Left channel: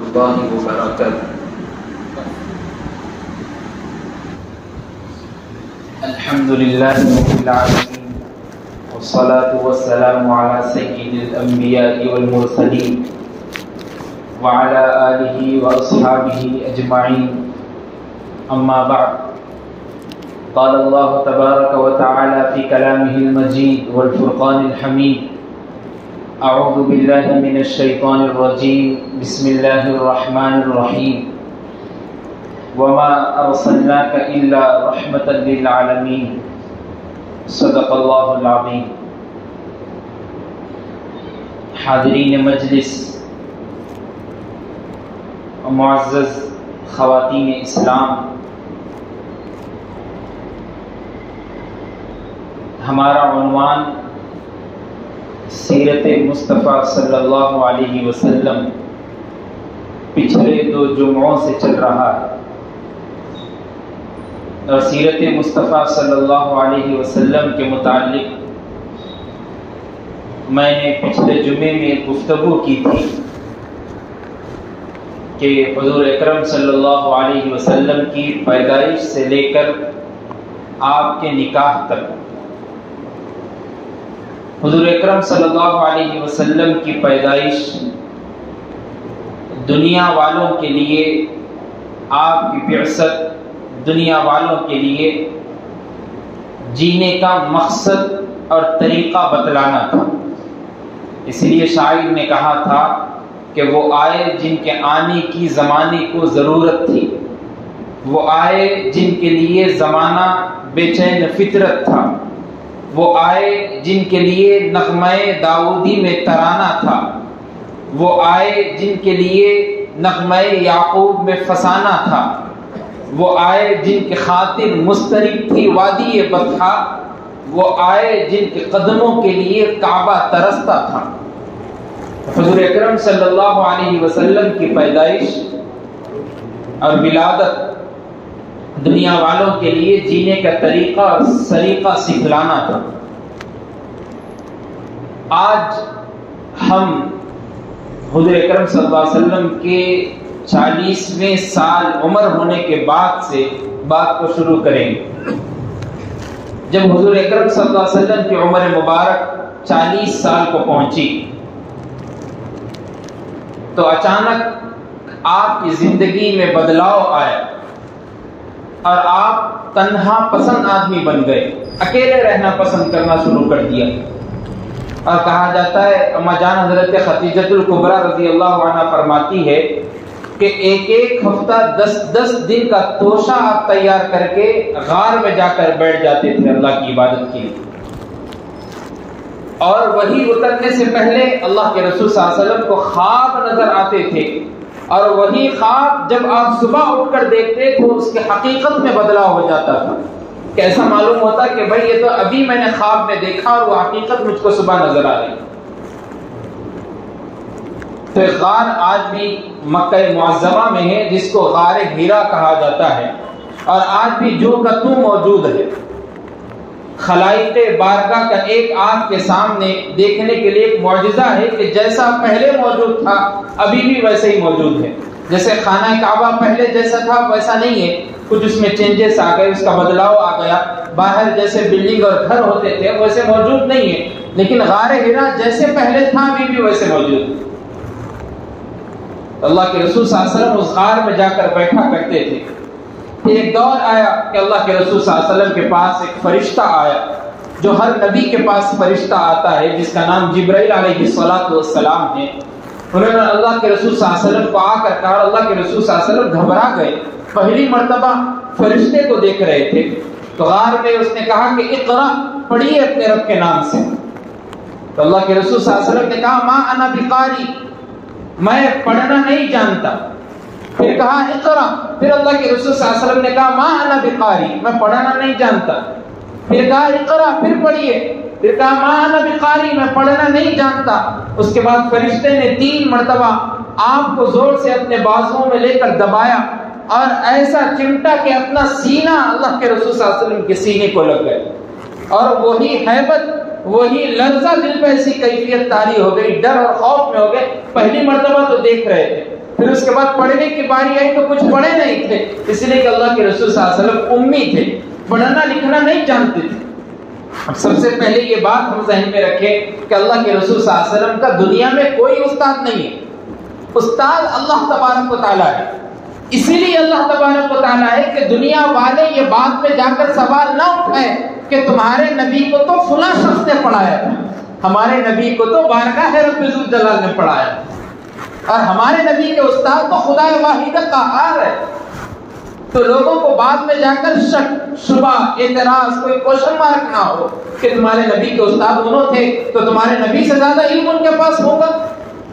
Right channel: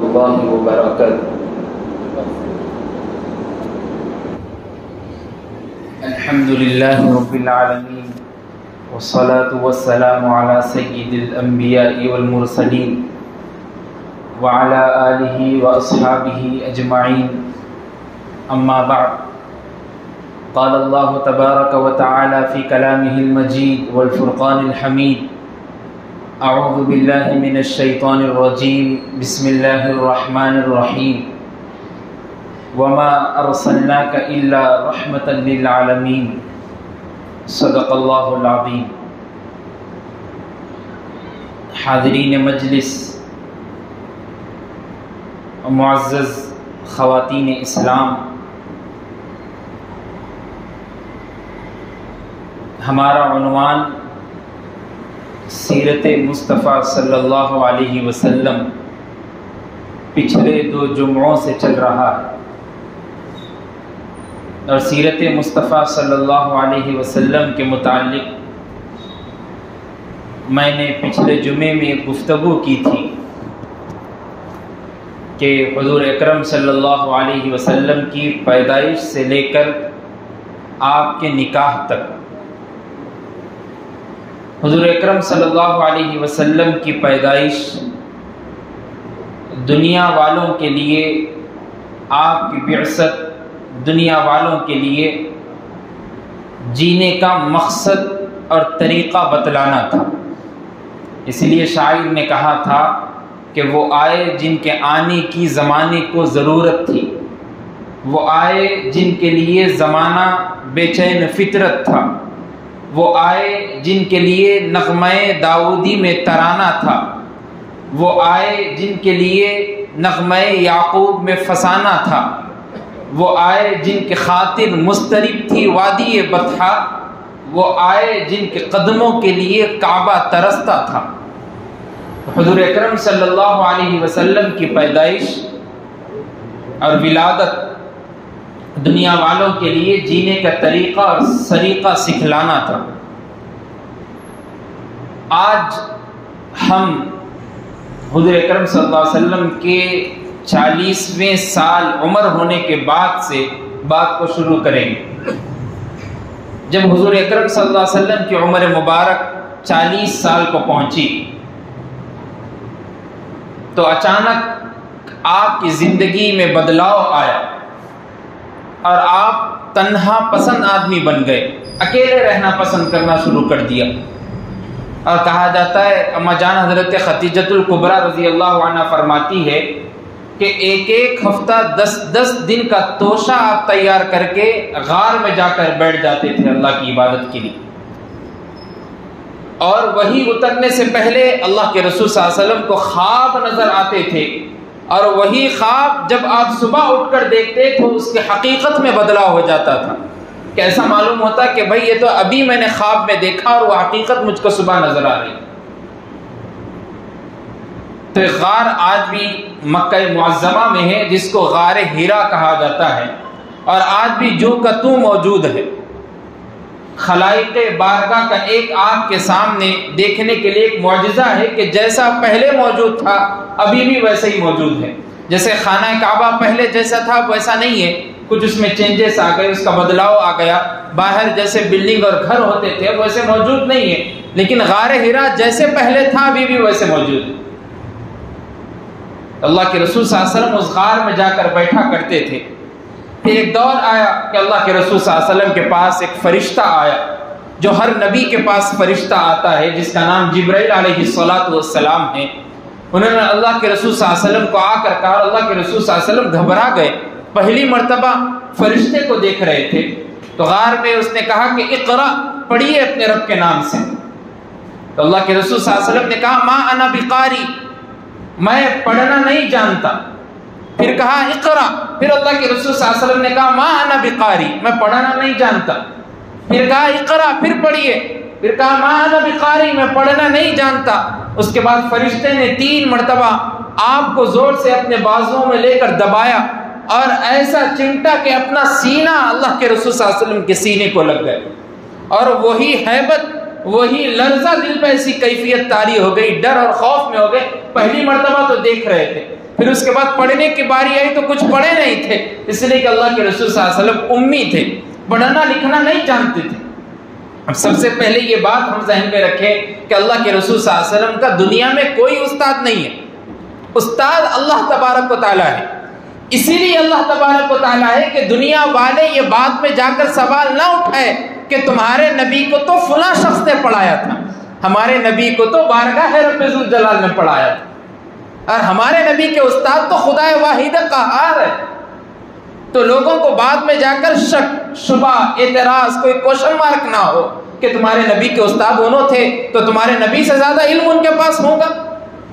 اللہ وبرکاتہ۔ الحمد للہ رب العالمین والصلاة والسلام علی سید الانبیاء والمرسلین وعلی آلہ واصحابہ اجمعین، اما بعد، قال اللہ تبارک وتعالی فی کلامہ المجید والفرقان الحمید، اعوذ باللہ من الشیطان الرجیم، بسم اللہ الرحمن الرحیم، وما ارسلناک الا رحمتا للعالمین، صدق اللہ العظیم۔ حاضرین مجلس، معزز خواتین اسلام، ہمارا عنوان سیرت مصطفیٰ صلی اللہ علیہ وسلم پچھلے 2 جمعوں سے چل رہا ہے، اور سیرت مصطفیٰ صلی اللہ علیہ وسلم کے متعلق میں نے پچھلے جمعے میں ایک گفتگو کی تھی کہ حضور اکرم صلی اللہ علیہ وسلم کی پیدائش سے لے کر آپ کے نکاح تک، حضور اکرم صلی اللہ علیہ وسلم کی پیدائش دنیا والوں کے لیے، آپ کی بعثت دنیا والوں کے لیے جینے کا مقصد اور طریقہ بتلانا تھا۔ اس لیے شاعر نے کہا تھا کہ وہ آئے جن کے آنے کی زمانے کو ضرورت تھی، وہ آئے جن کے لیے زمانہ بے چین فطرت تھا، وہ آئے جن کے لیے نغمہ داؤدی میں ترانہ تھا، وہ آئے جن کے لیے نغمہ یعقوب میں فسانہ تھا، وہ آئے جن کے خاطر مضطرب تھی وادی بطحا، وہ آئے جن کے قدموں کے لیے کعبہ ترستا تھا۔ حضور اکرم صلی اللہ علیہ وسلم کی پیدائش اور ولادت دنیا والوں کے لیے جینے کا طریقہ اور سلیقہ سکھلانا تھا۔ آج ہم حضور اکرم صلی اللہ علیہ وسلم کے 40ویں سال عمر ہونے کے بعد سے بات کو شروع کریں گے۔ جب حضور اکرم صلی اللہ علیہ وسلم کی عمر مبارک 40 سال کو پہنچی تو اچانک آپ کی زندگی میں بدلاؤ آیا اور آپ تنہا پسند آدمی بن گئے، اکیلے رہنا پسند کرنا شروع کر دیا۔ اور کہا جاتا ہے، اما جان حضرت خدیجۃ الکبریٰ رضی اللہ عنہ فرماتی ہے کہ ایک ہفتہ 10 دن کا توشہ آپ تیار کر کے غار میں جا کر بیٹھ جاتے تھے اللہ کی عبادت کے لیے، اور وہی اترنے سے پہلے اللہ کے رسول صلی اللہ علیہ وسلم کو خواب نظر آتے تھے، اور وہی خواب جب آپ صبح اٹھ کر دیکھتے تو اس کی حقیقت میں بدلاؤ ہو جاتا تھا، کہ ایسا معلوم ہوتا کہ بھائی یہ تو ابھی میں نے خواب میں دیکھا اور وہ حقیقت مجھ کو صبح نظر آ رہی۔ تو غار آج بھی مکہ معظمہ میں ہے، جس کو غار ہیرا کہا جاتا ہے، اور آج بھی جو کا تو موجود ہے۔ خلائق بارگاہ کا ایک آنکھ کے سامنے دیکھنے کے لیے ایک معجزہ ہے کہ جیسا پہلے موجود تھا ابھی بھی ویسے ہی موجود ہے۔ جیسے خانہ کعبہ پہلے جیسا تھا ویسا نہیں ہے، کچھ اس میں چینجز آ گئے، اس کا بدلاؤ آ گیا، باہر جیسے بلڈنگ اور گھر ہوتے تھے ویسے موجود نہیں ہے، لیکن غار ہیرا جیسے پہلے تھا ابھی بھی ویسے موجود ہے۔ اللہ کے رسول صلی اللہ علیہ وسلم اس غار میں جا کر بیٹھا کرتے تھے۔ پھر ایک دور آیا کہ اللہ کے رسول صلی اللہ علیہ وسلم کے پاس ایک فرشتہ آیا، جو ہر نبی کے پاس فرشتہ آتا ہے، جس کا نام جبرائیل علیہ السلام ہے۔ انہوں نے اللہ کے رسول صلی اللہ علیہ وسلم کو آ کر کہا، اللہ کے رسول صلی اللہ علیہ وسلم گھبرا گئے، پہلی مرتبہ فرشتے کو دیکھ رہے تھے۔ تو غار میں اس نے کہا کہ اقرا، پڑھیے اپنے رب کے نام سے۔ تو اللہ کے رسول صلی اللہ علیہ وسلم نے کہا، ما انا بقاری، میں پڑھنا نہیں جانتا۔ پھر کہا اقرا، پھر اللہ کے رسول صلی اللہ علیہ وسلم نے کہا، ما انا بقاری، میں پڑھنا نہیں جانتا۔ پھر کہا اقرا، پھر پڑھیے، پھر کہا ما انا بقاری، میں پڑھنا نہیں جانتا۔ اس کے بعد فرشتے نے 3 مرتبہ آپ کو زور سے اپنے بازوؤں میں لے کر دبایا، اور ایسا چمٹا کہ اپنا سینہ اللہ کے رسول صلی اللہ علیہ وسلم کے سینے کو لگ گئے، اور وہی ہیبت، وہی لرزہ دل پہ ایسی کیفیت طاری ہو گئی، ڈر اور خوف میں ہو گئے۔ پہلی مرتبہ تو دیکھ رہے تھے، پھر اس کے بعد پڑھنے کی باری آئی تو کچھ پڑھے نہیں تھے، اس لیے کہ اللہ کے رسول صلی اللہ علیہ وسلم امی تھے، پڑھنا لکھنا نہیں جانتے تھے۔ سب سے پہلے یہ بات ہم ذہن میں رکھیں کہ اللہ کے رسول صلی اللہ علیہ وسلم کا دنیا میں کوئی استاد نہیں ہے، استاد اللہ تبارک و تعالیٰ ہے۔ اسی لیے اللہ تبارک و تعالیٰ ہے کہ دنیا والے یہ بات میں جا کر سوال نہ اٹھائے کہ تمہارے نبی کو تو فلاں شخص نے پڑھایا تھا، ہمارے نبی کو تو بارگاہ رب ذوالجلال نے پڑھایا تھا، اور ہمارے نبی کے استاد تو خدا واحد قہار ہے۔ تو لوگوں کو بعد میں جا کر شک، شبہ، اعتراض، کوئی کوشچن مارک نہ ہو کہ تمہارے نبی کے استاد انہوں تھے تو تمہارے نبی سے زیادہ علم ان کے پاس ہوگا۔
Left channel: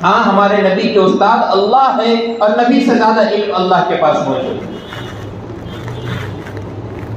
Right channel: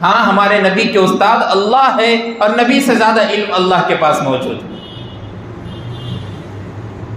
ہاں، ہمارے نبی کے استاد اللہ ہے اور نبی سے زیادہ علم اللہ کے پاس موجود ہے۔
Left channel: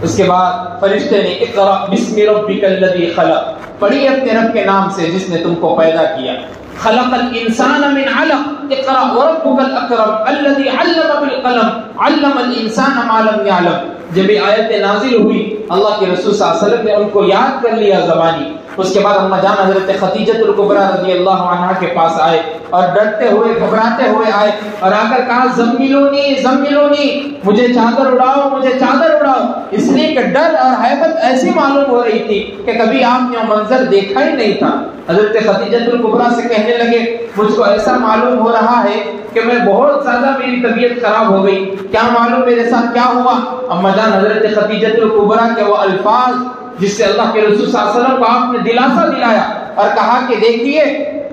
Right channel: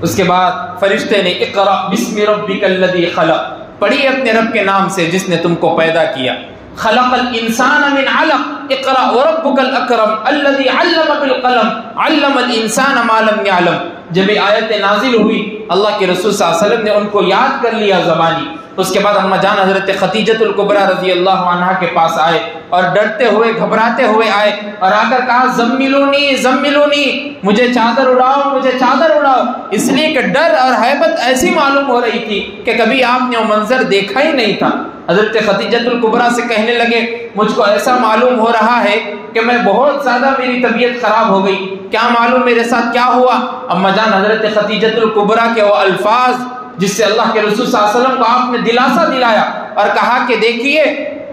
اس کے بعد فرشتے نے اقرأ بسم ربک الذی خلق، پڑھی اپنے رب کے نام سے جس نے تم کو پیدا کیا۔ خلق الانسان من علق اقرأ وربک الاکرم الذی علم بالقلم علم الانسان ما لم يعلم۔ جب یہ آیت نازل ہوئی اللہ کے رسول صلی اللہ علیہ وسلم نے ان کو یاد کر لیا زبانی۔ اس کے بعد اما جان حضرت خدیجہ الکبریٰ رضی اللہ عنہا کے پاس آئے اور ڈرتے ہوئے گھبراتے ہوئے آئے اور آ کر کہا زملونی زملونی، مجھے چادر اڑاؤ، مجھے چادر اڑاؤ، اس لیے کہ ڈر اور ہیبت ایسی معلوم ہو رہی تھی کہ کبھی آپ نے وہ منظر دیکھا ہی نہیں تھا۔ حضرت خدیجہ الکبریٰ سے کہنے لگے مجھ کو ایسا معلوم ہو رہا ہے کہ میں بہت زیادہ میری طبیعت خراب ہو گئی، کیا معلوم میرے ساتھ کیا ہوا؟ اما جان حضرت خدیجہ الکبریٰ کے وہ الفاظ جس سے اللہ کے رسول صلی اللہ علیہ وسلم کو آپ نے دلاسا دلایا اور کہا کہ دیکھیے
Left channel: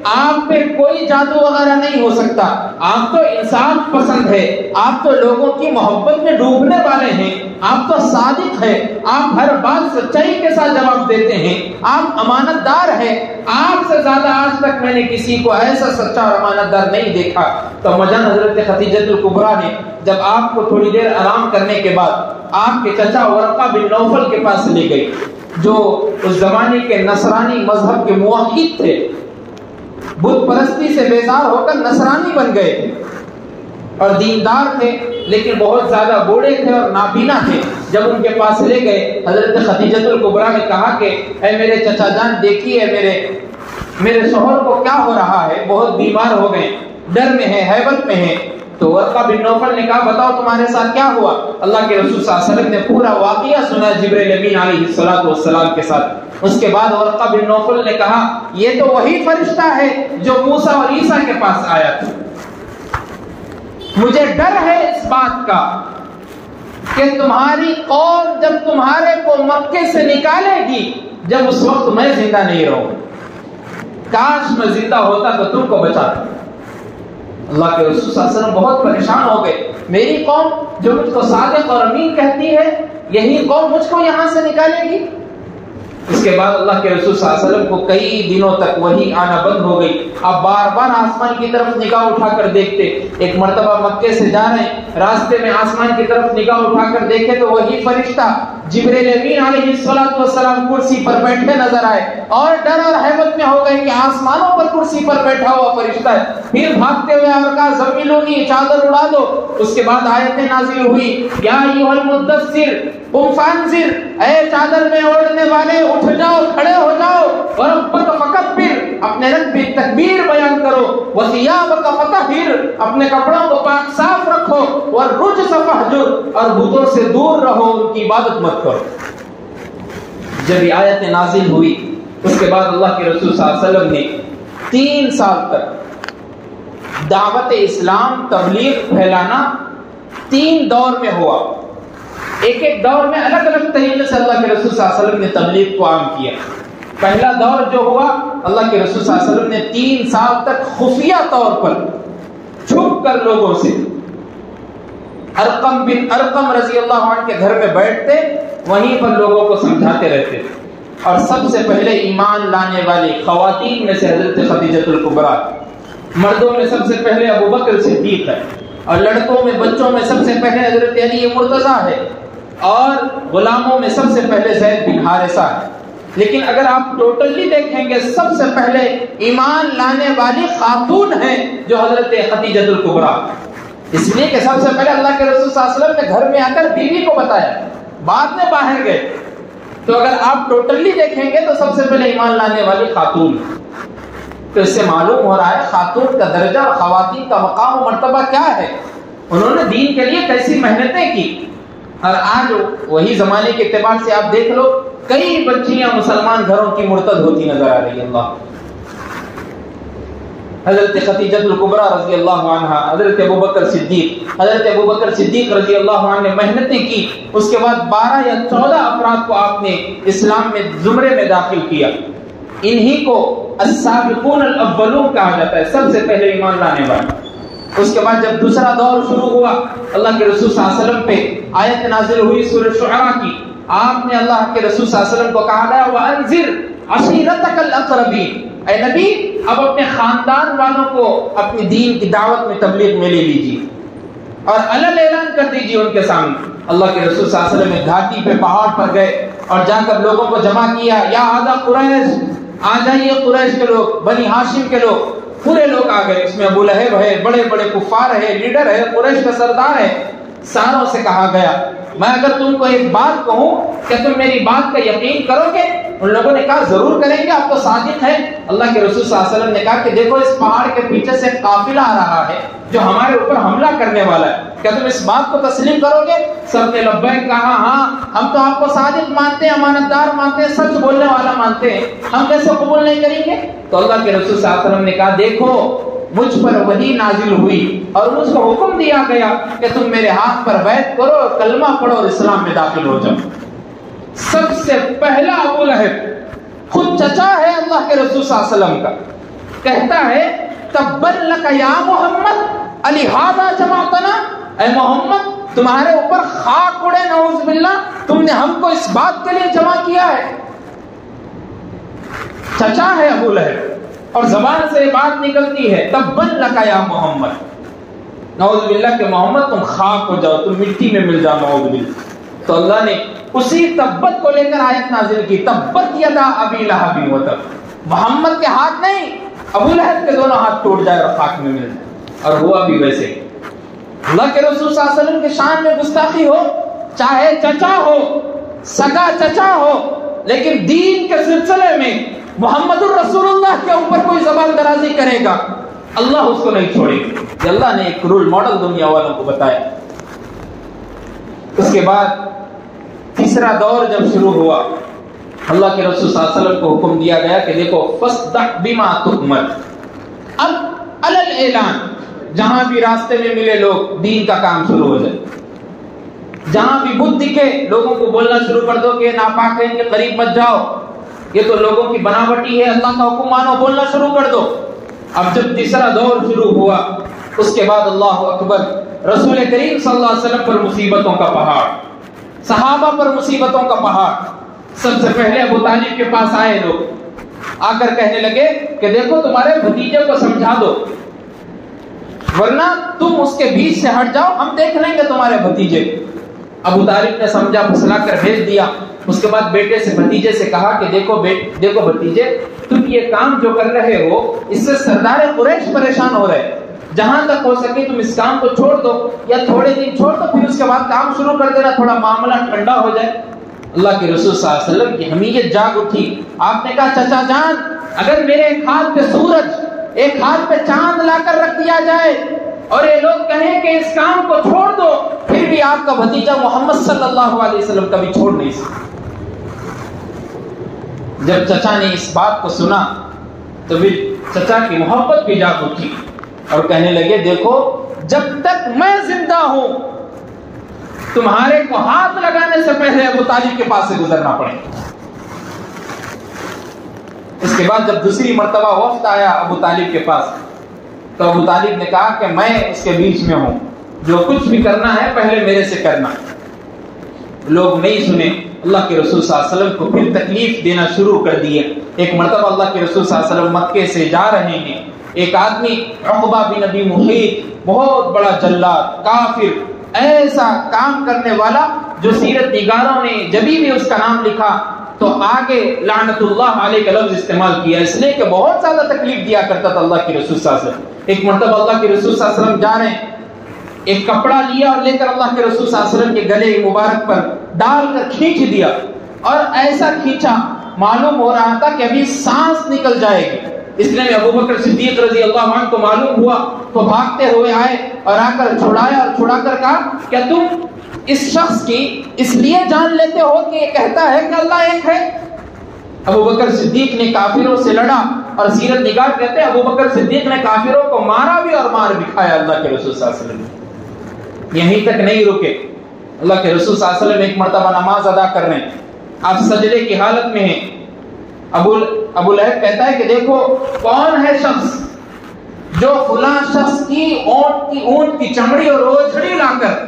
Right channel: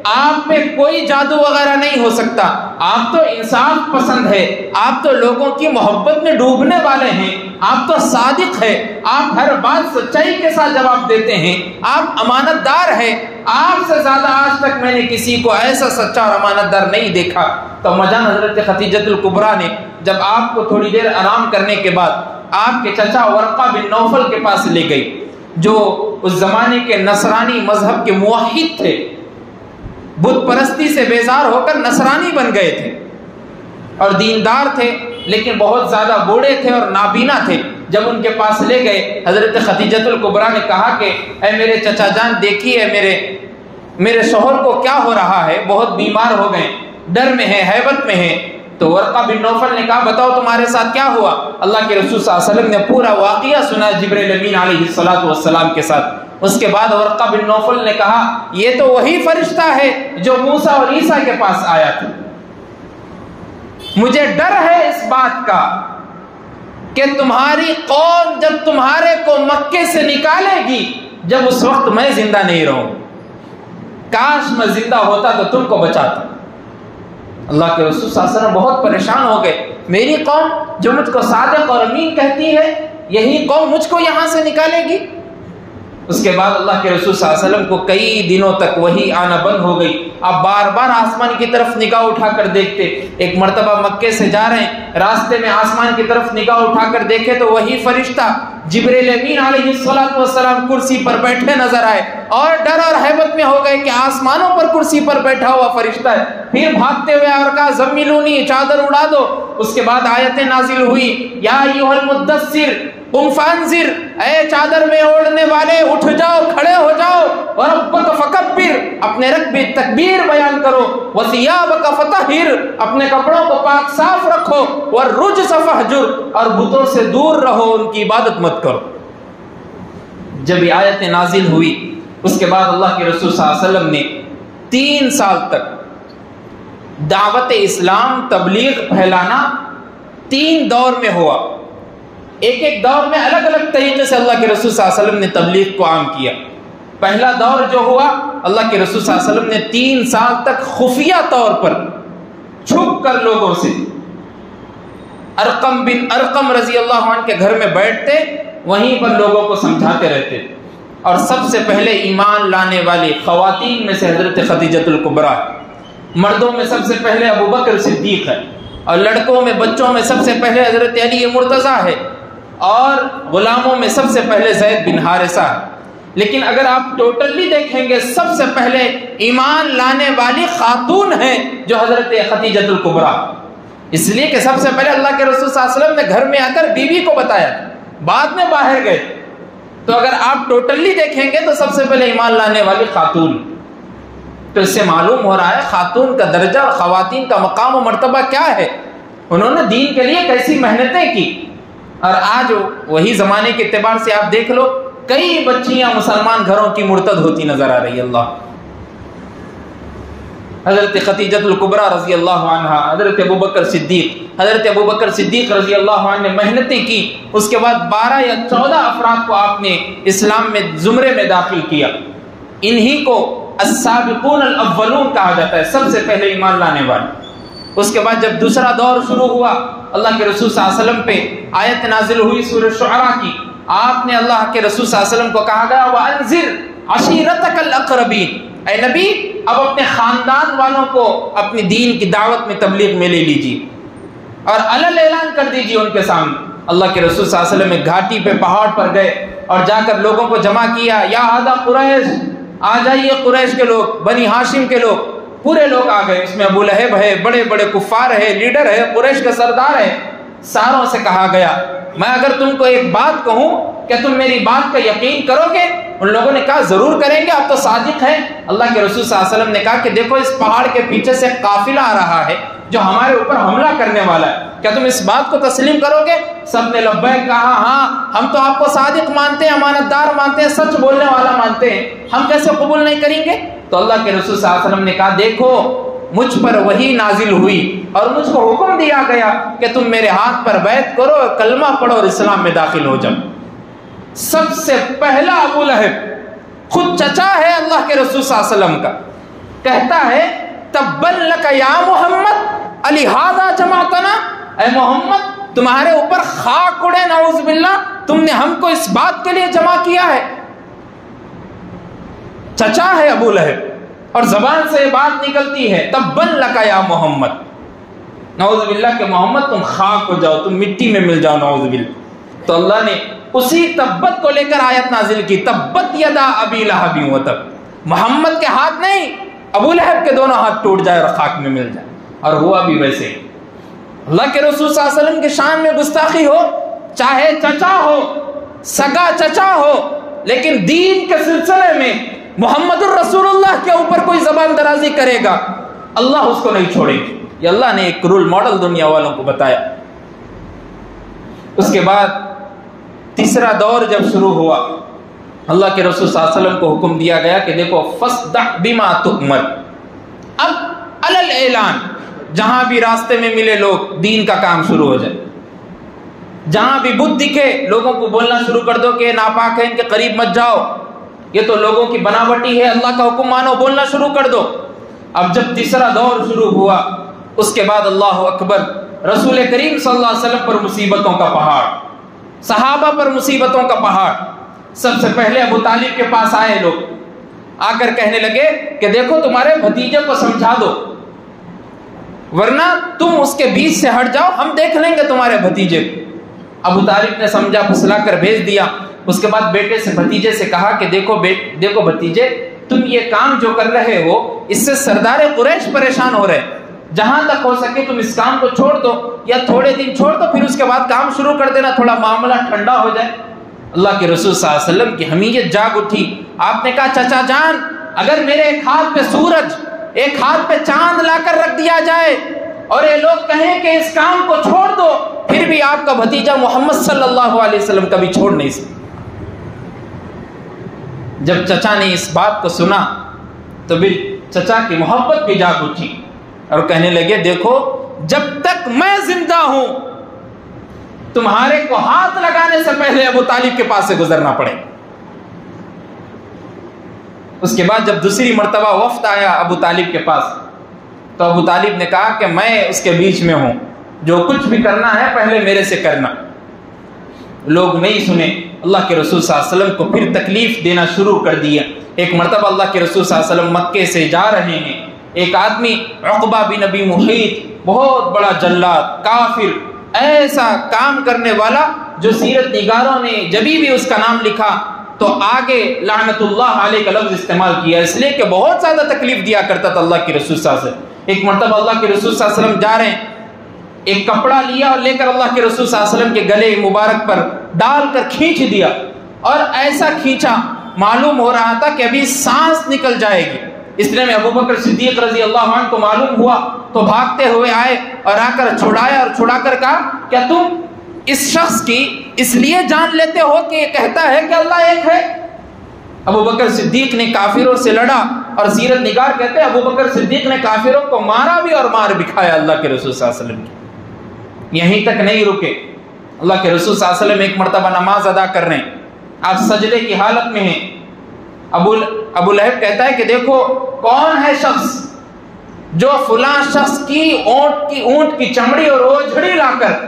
آپ میں کوئی جادو وغیرہ نہیں ہو سکتا، آپ تو انصاف پسند ہے، آپ تو لوگوں کی محبت میں ڈوبنے والے ہیں، آپ تو صادق ہے، آپ ہر بات سچائی کے ساتھ جواب دیتے ہیں، آپ امانت دار ہیں، آپ سے زیادہ آج تک میں نے کسی کو ایسا سچا اور امانت دار نہیں دیکھا۔ تو مجان حضرت خدیجہ الکبریٰ نے جب آپ کو تھوڑی دیر آرام کرنے کے بعد آپ کے چچا ورقہ بن نوفل کے پاس لے گئی، جو اس زمانے کے نصرانی مذہب کے موحد تھے، بت پرستی سے بیزار ہو کر نصرانی بن گئے تھے اور دیندار تھے، لیکن بہت زیادہ بوڑھے تھے اور نابینا تھے۔ جب ان کے پاس لے گئے حضرت خدیجہ الکبریٰ نے کہا کہ اے میرے چچا جان دیکھیے میرے شوہر کو کیا ہو رہا ہے، بہت بیمار ہو گئے، ڈر میں ہے، ہیبت میں ہے۔ تو ورقہ بن نوفل نے کہا بتاؤ تمہارے ساتھ کیا ہوا؟ اللہ کے رسول صلی اللہ علیہ وسلم نے پورا واقعہ سنا جبرائیل امین علیہ السلام کے ساتھ۔ اس کے بعد ورقہ بن نوفل نے کہا یہ تو وہی فرشتہ ہے جو موسیٰ اور عیسیٰ کے پاس آیا تھا، مجھے ڈر ہے اس بات کا کہ تمہاری قوم جب تمہارے کو مکے سے نکالے گی، جب اس وقت میں زندہ نہیں رہوں، کاش میں زندہ ہوتا تو تم کو بچاتا۔ اللہ کے رسول صلی اللہ علیہ وسلم بہت پریشان ہو گئے، میری قوم جو مجھ کو صادق اور امین کہتی ہے، یہی قوم مجھ کو یہاں سے نکالے گی؟ اس کے بعد اللہ کے رسول صلی اللہ علیہ وسلم کو کئی دنوں تک وہی آنا بند ہو گئی۔ اب بار بار آسمان کی طرف نگاہ اٹھا کر دیکھتے، ایک مرتبہ مکے سے جا رہے ہیں، راستے میں آسمان کی طرف نگاہ اٹھا کر دیکھے تو وہی فرشتہ جبرائیل امین علیہ السلام کرسی پر بیٹھے نظر آئے اور ڈر اور ہیبت میں ہو گئے کہ آسمانوں پر کرسی پر بیٹھا ہوا فرشتہ ہے۔ پھر بھاگتے ہوئے اور کہا زملونی، چادر اڑا دو۔ اس کے بعد آیتیں نازل ہوئی یا ایھا المدثر قم فانذر، اے چادر میں اوڑھنے والے اٹھ جاؤ، کھڑے ہو جاؤ، وربک فکبر، اپنے رب کی تکبیر بیان کرو، وثیابک فطہر، اپنے کپڑوں کو پاک صاف رکھو، والرجس فہجر، اور بتوں سے دور رہو، ان کی عبادت مت کرو۔ جب یہ آیت نازل ہوئی اس کے بعد اللہ کے رسول صلی اللہ علیہ وسلم نے 3 سال تک دعوت اسلام تبلیغ پھیلانا 3 دور میں ہوا۔ ایک دور میں الگ الگ طریقے سے اللہ کے رسول صلی اللہ علیہ وسلم نے تبلیغ کو عام کیا۔ پہلا دور جو ہوا، اللہ کے رسول صلی اللہ علیہ وسلم نے 3 سال تک خفیہ طور پر چھپ کر لوگوں سے، ارقم بن ارقم رضی اللہ عنہ کے گھر میں بیٹھتے، وہیں پر لوگوں کو سمجھاتے رہتے۔ اور سب سے پہلے ایمان لانے والی خواتین میں سے حضرت خدیجہ الکبریٰ، مردوں میں سب سے پہلے ابو بکر صدیق ہے، اور لڑکوں میں بچوں میں سب سے پہلے حضرت علی مرتضیٰ ہے، اور غلاموں میں سب سے پہلے زید بن حارثہ ہے۔ لیکن اگر آپ ٹوٹلی دیکھیں گے سب سے پہلے ایمان لانے والی خاتون ہے جو حضرت خدیجہ الکبریٰ، اس لیے کہ سب سے پہلے اللہ کے رسول صلی اللہ علیہ وسلم نے گھر میں آ کر بیوی کو بتایا، بعد میں باہر گئے۔ تو اگر آپ ٹوٹلی دیکھیں گے تو سب سے پہلے ایمان لانے والی خاتون۔ تو اس سے معلوم ہو رہا ہے خاتون کا درجہ اور خواتین کا مقام و مرتبہ کیا ہے. انہوں نے دین کے لیے کیسی محنتیں کی. اور آج وہی زمانے کے اعتبار سے آپ دیکھ لو کئی بچیاں مسلمان گھروں کی مرتد ہوتی نظر آ رہی. اللہ حضرت خدیجہ الکبریٰ رضی اللہ عنہ، حضرت ابوبکر صدیق رضی اللہ عنہ نے محنتیں کی. اس کے بعد 12 یا 14 افراد کو آپ نے اسلام میں زمرے میں داخل کیا. انہی کو السابقون الاولون کہا جاتا ہے، سب سے پہلے ایمان لانے والے. اس کے بعد جب دوسرا دور شروع ہوا، اللہ کے رسول صلی اللہ علیہ وسلم پہ آیت نازل ہوئی سورہ شعراء کی. آپ نے اللہ کے رسول صلی اللہ علیہ وسلم کو کہا گیا وَأَنذِرْ عَشِيرَتَكَ الْأَقْرَبِينَ، اے نبی اب اپنے خاندان والوں کو اپنی دین کی دعوت میں تبلیغ میں لے لیجیے اور علل اعلان کر دیجیے ان کے سامنے. اللہ کے رسول صلی اللہ علیہ وسلم ایک گھاٹی پہ پہاڑ پر گئے اور جا کر لوگوں کو جمع کیا. یا آدھا قریش، آ جائیے قریش کے لوگ، بنی ہاشم کے لوگ، پورے لوگ آ گئے. اس میں ابو لہب ہے، بڑے بڑے کفار ہے، لیڈر ہے، قریش کا سردار ہے. ساروں سے کہا گیا میں اگر تم کو ایک بات کہوں کہ تم میری بات کا یقین کرو گے؟ ان لوگوں نے کہا ضرور کریں گے، آپ تو صادق ہیں. اللہ کے رسول صلی اللہ علیہ وسلم نے کہا کہ دیکھو اس پہاڑ کے پیچھے سے قافلہ آ رہا ہے جو ہمارے اوپر حملہ کرنے والا ہے، کیا تم اس بات کو تسلیم کرو گے؟ سب نے لبیک کہا، ہاں ہم تو آپ کو صادق مانتے ہیں، امانت دار مانتے ہیں، سچ بولنے والا مانتے ہیں، ہم کیسے قبول نہیں کریں گے؟ تو اللہ کے رسول صلی اللہ علیہ وسلم نے کہا دیکھو مجھ پر وحی نازل ہوئی اور مجھ کو حکم دیا گیا کہ تم میرے ہاتھ پر بیعت کرو، کلمہ پڑھو اور اسلام میں داخل ہو جاؤ. سب سے پہلا ابو لہب، خود چچا ہے اللہ کے رسول صلی اللہ علیہ وسلم کا، کہتا ہے تبّن لک یا محمد الہذا جمعتنا، اے محمد تمہارے اوپر خاک اڑے نعوذ باللہ، تم نے ہم کو اس بات کے لیے جمع کیا ہے. چچا ہے ابو لہب اور زبان سے بات نکلتی ہے تبّن لک یا محمد، نعوذ باللہ کہ محمد تم خاک ہو جاؤ، تم مٹی میں مل جاؤ نعوذ باللہ. تو اللہ نے اسی تبت کو لے کر آیت نازل کی، تبت یدا ابی لہب وتب. محمد کے ہاتھ نہیں، ابو لہب کے دونوں ہاتھ ٹوٹ جائے اور خاک میں مل جائے. اور ہوا بھی ویسے. اللہ کے رسول صلی اللہ علیہ وسلم کے شان میں گستاخی ہو، چاہے چچا ہو، سگا چچا ہو، لیکن دین کے سلسلے میں محمد الرسول اللہ کے اوپر کوئی زبان درازی کرے گا اللہ اس کو نہیں چھوڑے گا. یہ اللہ نے ایک رول ماڈل دنیا والوں کو بتایا. اس کے بعد تیسرا دور جب شروع ہوا، اللہ کے رسول صلی اللہ علیہ وسلم کو حکم دیا گیا کہ دیکھو فَاصْدَعْ بِمَا تُؤْمَرُ، اب علل اعلان جہاں بھی راستے میں ملے لوگ دین کا کام شروع ہو جائے. جہاں بھی بت دکھے لوگوں کو بولنا شروع کر دو کہ ناپاک ہے، ان کے قریب مت جاؤ، یہ تو لوگوں کی بناوٹی ہے، اللہ کا حکم مانو، بولنا شروع کر دو. اب جب تیسرا دور شروع ہوا اس کے بعد اللہ اکبر، رسول کریم صلی اللہ علیہ وسلم پر مصیبتوں کا پہاڑ، صحابہ پر مصیبتوں کا پہاڑ. سب سے پہلے ابو طالب کے پاس آئے لوگ، آ کر کہنے لگے کہ دیکھو تمہارے بھتیجے کو سمجھا دو ورنہ تم اس کے بیچ سے ہٹ جاؤ، ہم دیکھ لیں گے تمہارے بھتیجے. ابو طالب نے سمجھا، پھسلا کر بھیج دیا. اس کے بعد بیٹے سے بھتیجے سے کہا کہ دیکھو بھتیجے تم یہ کام جو کر رہے ہو اس سے سردار قریش پریشان ہو رہے، جہاں تک ہو سکے تم اس کام کو چھوڑ دو یا تھوڑے دن چھوڑ دو، پھر اس کے بعد کام شروع کر دینا، تھوڑا معاملہ ٹھنڈا ہو جائے. اللہ کے رسول صلی اللہ علیہ وسلم کی حمیت جاگ اٹھی. آپ نے کہا چچا جان اگر میرے ایک ہاتھ پہ سورج ایک ہاتھ پہ چاند لا کر رکھ دیا جائے اور یہ لوگ کہیں کہ اس کام کو چھوڑ دو، پھر بھی آپ کا بھتیجا محمد صلی اللہ علیہ وسلم کبھی چھوڑ نہیں سکتا. جب چچا نے اس بات کو سنا تو بھی چچا کی محبت بھی جاگ اٹھی اور کہنے لگے دیکھو جب تک میں زندہ ہوں تمہارے کو ہاتھ لگانے سے پہلے ابو طالب کے پاس سے گزرنا پڑے. اس کے بعد جب دوسری مرتبہ وفد آیا ابو طالب کے پاس تو ابو طالب نے کہا کہ میں اس کے بیچ میں ہوں، جو کچھ بھی کرنا ہے پہلے میرے سے کرنا. لوگ نہیں سنے. اللہ کے رسول صلی اللہ علیہ وسلم کو پھر تکلیف دینا شروع کر دیا. ایک مرتبہ اللہ کے رسول صلی اللہ علیہ وسلم مکے سے جا رہے ہیں، ایک آدمی عقبہ بن ابی محیط، بہت بڑا جلاد، کافر، ایسا کام کرنے والا جو سیرت نگاروں نے جبھی بھی اس کا نام لکھا تو آگے لعنت اللہ علیہ کا لفظ استعمال کیا، اس لیے کہ بہت زیادہ تکلیف دیا کرتا تھا اللہ کے رسول صلی اللہ علیہ وسلم. ایک مرتبہ اللہ کے رسول صلی اللہ علیہ وسلم جا رہے ہیں، ایک کپڑا لیا اور لے کر اللہ کے رسول صلی اللہ علیہ وسلم کے گلے مبارک پر ڈال کر کھینچ دیا اور ایسا کھینچا معلوم ہو رہا تھا کہ ابھی سانس نکل جائے گی. اتنے میں ابو بکر صدیق رضی اللہ عنہ کو معلوم ہوا تو بھاگتے ہوئے آئے اور آ کر چھڑایا اور چھڑا کر کہا کیا تم اس شخص کی اس لیے جان لیتے ہو کہ یہ کہتا ہے کہ اللہ ایک ہے؟ ابو بکر صدیق نے کافروں سے لڑا، اور سیرت نگار کہتے ہیں ابو بکر صدیق نے کافروں کو مارا بھی اور مار بھی کھایا اللہ کے رسول صلی اللہ علیہ وسلم۔ یہیں تک نہیں رکے، اللہ کے رسول صلی اللہ علیہ وسلم ایک مرتبہ نماز ادا کر رہے ہیں، آپ سجدے کی حالت میں ہیں، ابو لہب کہتا ہے کہ دیکھو کون ہے شخص جو فلاں شخص کی اونٹ کی چمڑی اور اوجھڑی لا کر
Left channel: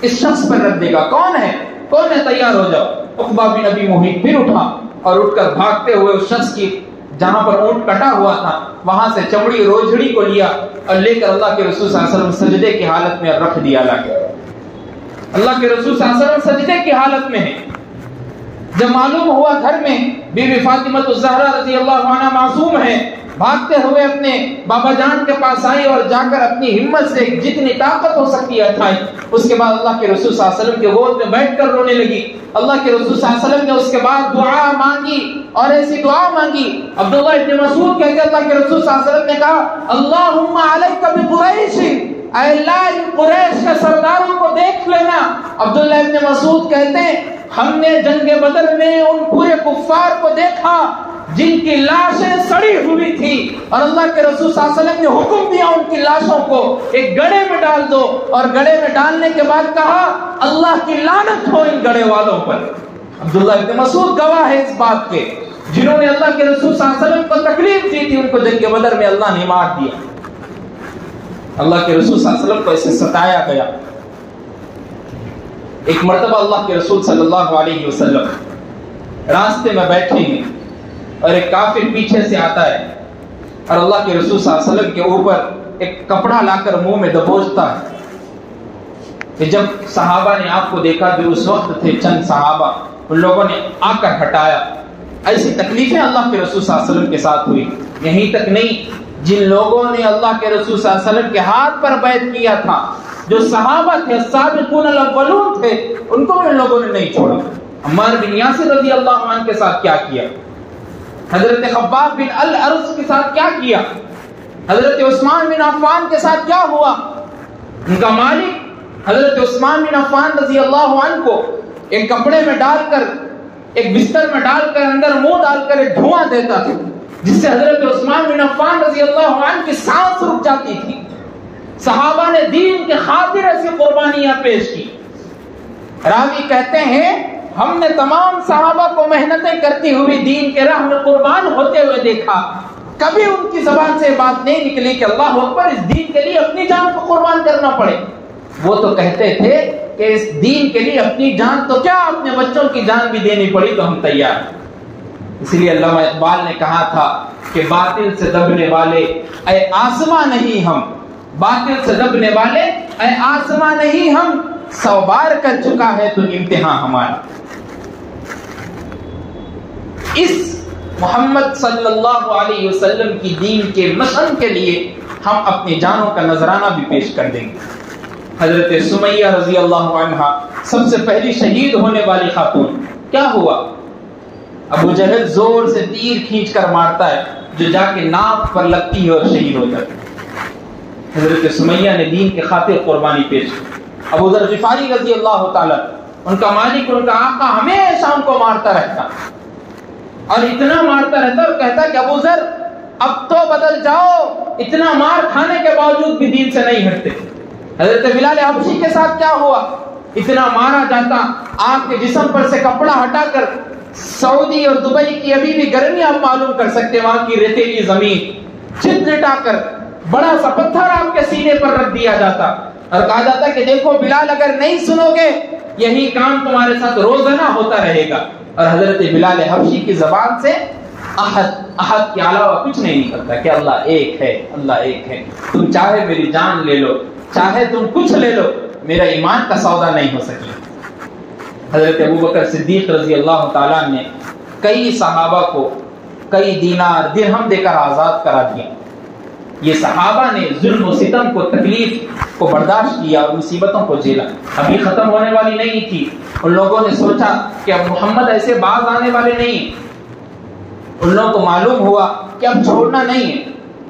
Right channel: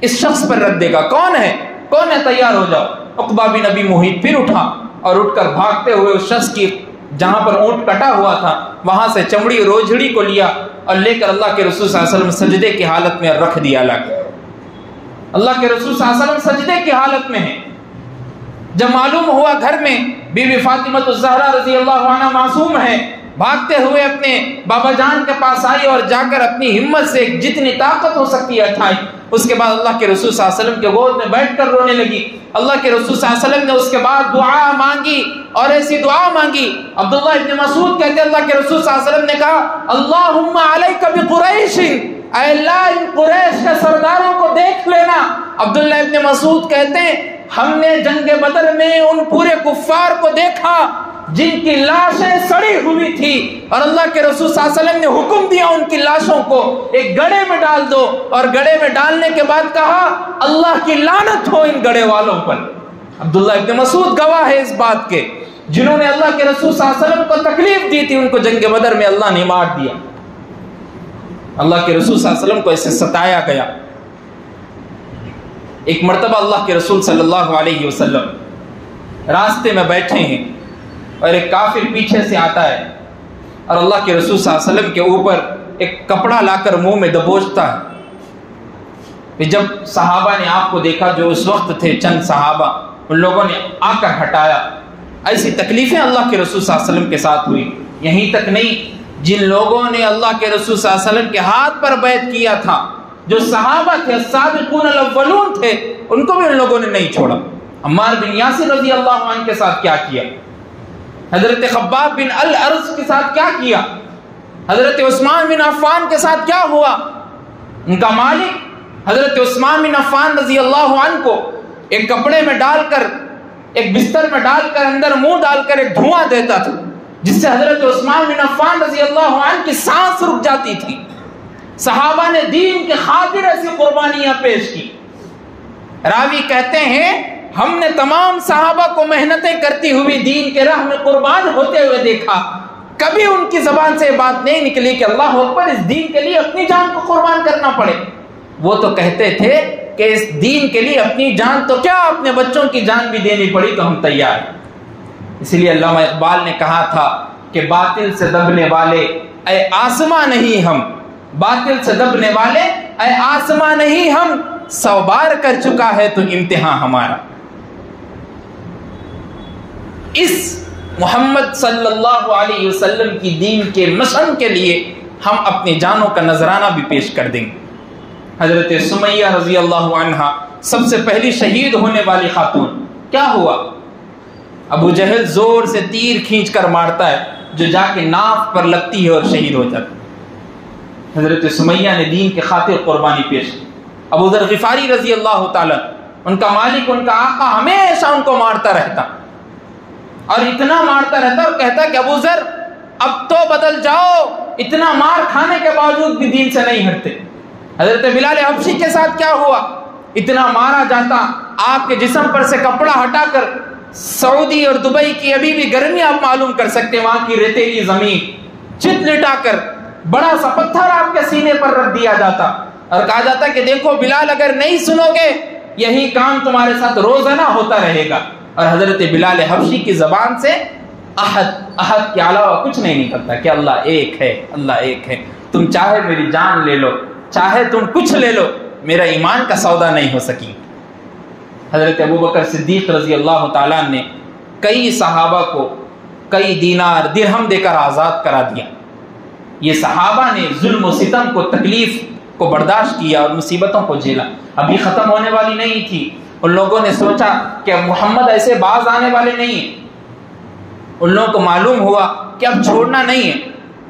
اس شخص پر رکھ دے گا، کون ہے تیار ہو جاؤ۔ عقبہ بن ابی معیط پھر اٹھا اور اٹھ کر بھاگتے ہوئے اس شخص کی جہاں پر اونٹ کٹا ہوا تھا وہاں سے چمڑی اور اوجھڑی کو لیا اور لے کر اللہ کے رسول صلی اللہ علیہ وسلم سجدے کی حالت میں رکھ دیا۔ اللہ کے رسول صلی اللہ علیہ وسلم سجدے کی حالت میں ہیں۔ جب معلوم ہوا گھر میں بی بی فاطمہ الزہرا رضی اللہ عنہا معصوم ہے، بھاگتے ہوئے اپنے بابا جان کے پاس آئی اور جا کر اپنی ہمت سے جتنی طاقت ہو سکتی ہے اٹھائی۔ اس کے بعد اللہ کے رسول صلی اللہ علیہ وسلم کے گود میں بیٹھ کر رونے لگی۔ اللہ کے رسول صلی اللہ علیہ وسلم نے اس کے بعد دعا مانگی اور ایسی دعا مانگی، عبداللہ ابن مسعود کہتے ہیں اللہ کے رسول صلی اللہ علیہ وسلم نے کہا اللہم علیک بقریش، اے اللہ ان قریش کے سرداروں کو دیکھ لینا۔ عبداللہ ابن مسعود کہتے ہیں ہم نے جنگ بدر میں ان پورے کفار کو دیکھا جن کی لاشیں سڑی ہوئی تھی، اور اللہ کے رسول صلی اللہ علیہ وسلم نے حکم دیا ان کی لاشوں کو ایک گڑھے میں ڈال دو، اور گڑھے میں ڈالنے کے بعد کہا اللہ کی لعنت ہو ان گڑھے والوں پر۔ عبداللہ ابن مسعود گواہ ہے اس بات کے، جنہوں نے اللہ کے رسول صلی اللہ علیہ وسلم کو تکلیف دی تھی ان کو جنگ بدر میں اللہ نے مار دیا۔ اللہ کے رسول صلی اللہ علیہ وسلم کو ایسے ستایا گیا۔ ایک مرتبہ اللہ کے رسول صلی اللہ علیہ وسلم راستے میں بیٹھے ہیں اور ایک کافر پیچھے سے آتا ہے اور اللہ کے رسول صلی اللہ علیہ وسلم کے اوپر ایک کپڑا لا کر منہ میں دبوچتا ہے۔ کہ جب صحابہ نے آپ کو دیکھا، جو اس وقت تھے چند صحابہ، ان لوگوں نے آ کر ہٹایا۔ ایسی تکلیفیں اللہ کے رسول صلی اللہ علیہ وسلم کے ساتھ ہوئی۔ یہیں تک نہیں، جن لوگوں نے اللہ کے رسول صلی اللہ علیہ وسلم کے ہاتھ پر بیعت کیا تھا، جو صحابہ تھے، السابقون الاولون تھے، ان کو بھی ان لوگوں نے نہیں چھوڑا۔ عمار بن یاسر رضی اللہ عنہ کے ساتھ کیا کیا، حضرت خباب بن الارض کے ساتھ کیا کیا، حضرت عثمان بن عفان کے ساتھ کیا ہوا۔ ان کا مالک حضرت عثمان بن عفان رضی اللہ عنہ کو ایک کپڑے میں ڈال کر، ایک بستر میں ڈال کر، اندر منہ ڈال کر ایک دھواں دیتا تھا جس سے حضرت عثمان بن عفان رضی اللہ عنہ کی سانس رک جاتی تھی۔ صحابہ نے دین کے خاطر ایسی قربانیاں پیش کی۔ راوی کہتے ہیں ہم نے تمام صحابہ کو محنتیں کرتی ہوئی دین کے راہ میں قربان ہوتے ہوئے دیکھا، کبھی ان کی زبان سے بات نہیں نکلی کہ اللہ اکبر، اس دین کے لیے اپنی جان کو قربان کرنا پڑے۔ وہ تو کہتے تھے کہ اس دین کے لیے اپنی جان تو کیا، اپنے بچوں کی جان بھی دینی پڑی تو ہم تیار ہیں۔ اس لیے علامہ اقبال نے کہا تھا کہ باطل سے دبنے والے اے آسماں نہیں ہم، باطل سے دبنے والے اے آسماں نہیں ہم، 100 بار کر چکا ہے تو امتحان ہمارا۔ اس محمد صلی اللہ علیہ وسلم کی دین کے مشن کے لیے ہم اپنی جانوں کا نذرانہ بھی پیش کر دیں گے۔ حضرت سمیہ رضی اللہ عنہا سب سے پہلی شہید ہونے والی خاتون، کیا ہوا؟ ابو جہل زور سے تیر کھینچ کر مارتا ہے جو جا کے ناف پر لگتی ہے اور شہید ہو جاتا ہے۔ حضرت سمیہ نے دین کی خاطر قربانی پیش کی۔ ابو ذر غفاری رضی اللہ تعالی، ان کا مالک، ان کا آقا ہمیشہ ان کو مارتا رہتا اور اتنا مارتا رہتا اور کہتا کہ ابو ذر اب تو بدل جاؤ، اتنا مار کھانے کے باوجود بھی دین سے نہیں ہٹتے۔ حضرت بلال حبشی کے ساتھ کیا ہوا؟ اتنا مارا جاتا، آپ کے جسم پر سے کپڑا ہٹا کر سعودی اور دبئی کی ابھی بھی گرمی آپ معلوم کر سکتے، وہاں کی ریتیلی زمین چت لٹا کر بڑا سا پتھر آپ کے سینے پر رکھ دیا جاتا اور کہا جاتا کہ دیکھو بلال، اگر نہیں سنو گے یہی کام تمہارے ساتھ روزانہ ہوتا رہے گا۔ اور حضرت بلال حبشی کی زبان سے احد کے علاوہ کچھ نہیں نکلتا کہ اللہ ایک ہے، اللہ ایک ہے، تم چاہے میری جان لے لو، چاہے تم کچھ لے لو، میرا ایمان کا سودا نہیں ہو سکی۔ حضرت ابوبکر صدیق رضی اللہ تعالیٰ نے کئی صحابہ کو کئی دینار درہم دے کر آزاد کرا دیا۔ یہ صحابہ نے ظلم و ستم کو، تکلیف کو برداشت کیا اور مصیبتوں کو جھیلا۔ ابھی ختم ہونے والی نہیں تھی۔ ان لوگوں نے سوچا کہ محمد ایسے باز آنے والے نہیں ہیں۔ ان لوگوں کو معلوم ہوا کہ اب چھوڑنا نہیں ہے۔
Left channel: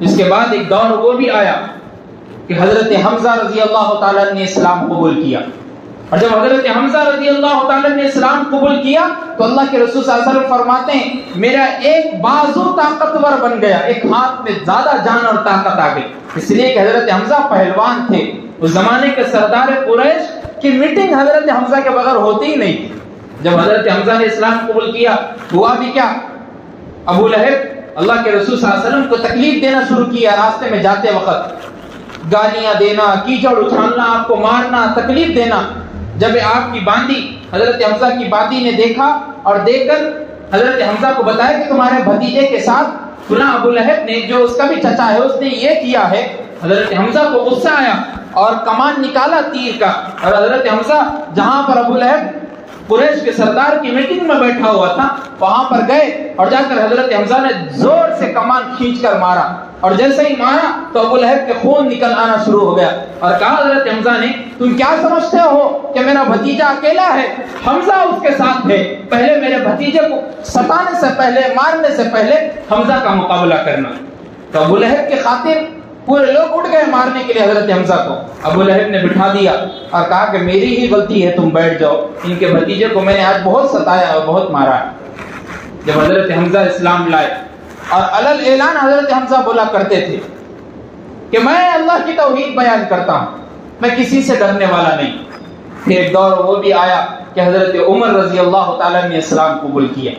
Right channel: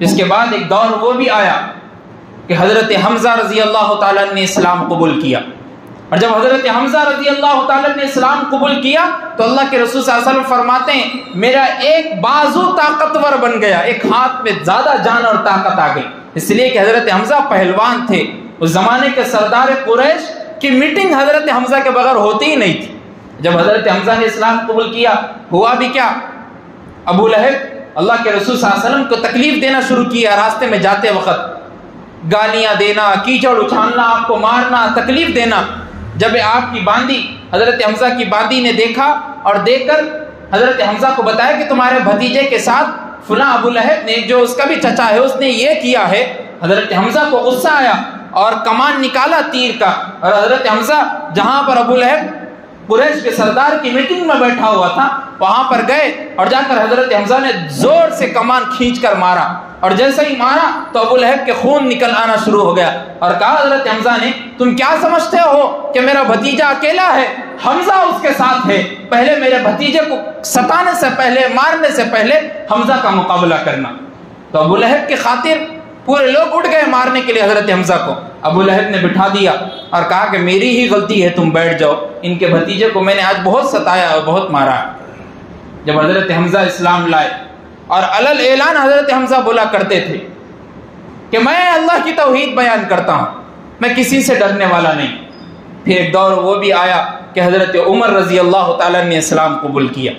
اس کے بعد ایک دور وہ بھی آیا کہ حضرت حمزہ رضی اللہ تعالیٰ نے اسلام قبول کیا، اور جب حضرت حمزہ رضی اللہ تعالیٰ نے اسلام قبول کیا تو اللہ کے رسول صلی اللہ علیہ وسلم فرماتے ہیں میرا ایک بازو طاقتور بن گیا، ایک ہاتھ میں زیادہ جان اور طاقت آ گئی، اس لیے کہ حضرت حمزہ پہلوان تھے۔ اس زمانے کے سردار قریش کی میٹنگ حضرت حمزہ کے بغیر ہوتی ہی نہیں تھی۔ جب حضرت حمزہ نے اسلام قبول کیا ہوا بھی کیا، ابو لہب اللہ کے رسول صلی اللہ علیہ وسلم کو تکلیف دینا شروع کیا، راستے میں جاتے وقت گالیاں دینا، کیچڑ اچھالنا، آپ کو مارنا، تکلیف دینا۔ جب آپ کی باندی حضرت حمزہ کی باندی نے دیکھا اور دیکھ کر حضرت حمزہ کو بتایا کہ تمہارے بھتیجے کے ساتھ فلاں ابو لہب نے جو اس کا بھی چچا ہے اس نے یہ کیا ہے، حضرت حمزہ کو غصہ آیا اور کمان نکالا تیر کا، اور حضرت حمزہ جہاں پر ابو لہب قریش کے سردار کی میٹنگ میں بیٹھا ہوا تھا وہاں پر گئے اور جا کر حضرت حمزہ نے زور سے کمان کھینچ کر مارا، اور جیسے ہی مارا تو ابو لہب کے خون نکل آنا شروع ہو گیا، اور کہا حضرت حمزہ نے تم کیا سمجھتے ہو کہ میرا بھتیجا اکیلا ہے، حمزہ اس کے ساتھ ہے، پہلے میرے بھتیجے کو ستانے سے پہلے، مارنے سے پہلے حمزہ کا مقابلہ کرنا۔ تو ابو لہب کی خاطر پورے لوگ اٹھ گئے مارنے کے لیے حضرت حمزہ کو۔ ابو لہب نے بٹھا دیا اور کہا کہ میری ہی غلطی ہے، تم بیٹھ جاؤ، ان کے بھتیجے کو میں نے آج بہت ستایا اور بہت مارا۔ جب حضرت حمزہ اسلام لائے اور علل اعلان حضرت حمزہ بولا کرتے تھے کہ میں اللہ کی توحید بیان کرتا ہوں، میں کسی سے ڈرنے والا نہیں۔ پھر ایک دور وہ بھی آیا کہ حضرت عمر رضی اللہ تعالیٰ نے اسلام قبول کیا۔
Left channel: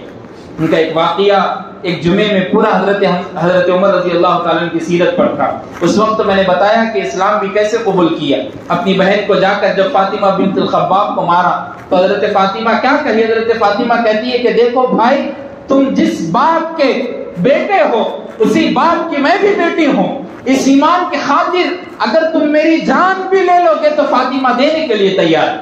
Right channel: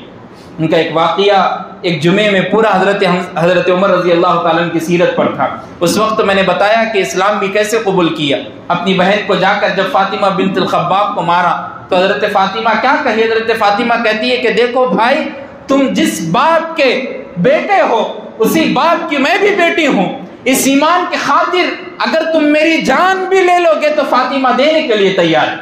ان کا ایک واقعہ ایک جمعے میں پورا حضرت عمر رضی اللہ تعالیٰ کی سیرت پر تھا۔ اس وقت میں نے بتایا کہ اسلام بھی کیسے قبول کیا۔ اپنی بہن کو جا کر جب فاطمہ بنت الخباب کو مارا تو حضرت فاطمہ کیا کہی، حضرت فاطمہ کہتی ہے کہ دیکھو بھائی، تم جس باپ کے بیٹے ہو اسی باپ کی میں بھی بیٹی ہوں، اس ایمان کی خاطر اگر تم میری جان بھی لے لو گے تو فاطمہ دینے کے لیے تیار ہے۔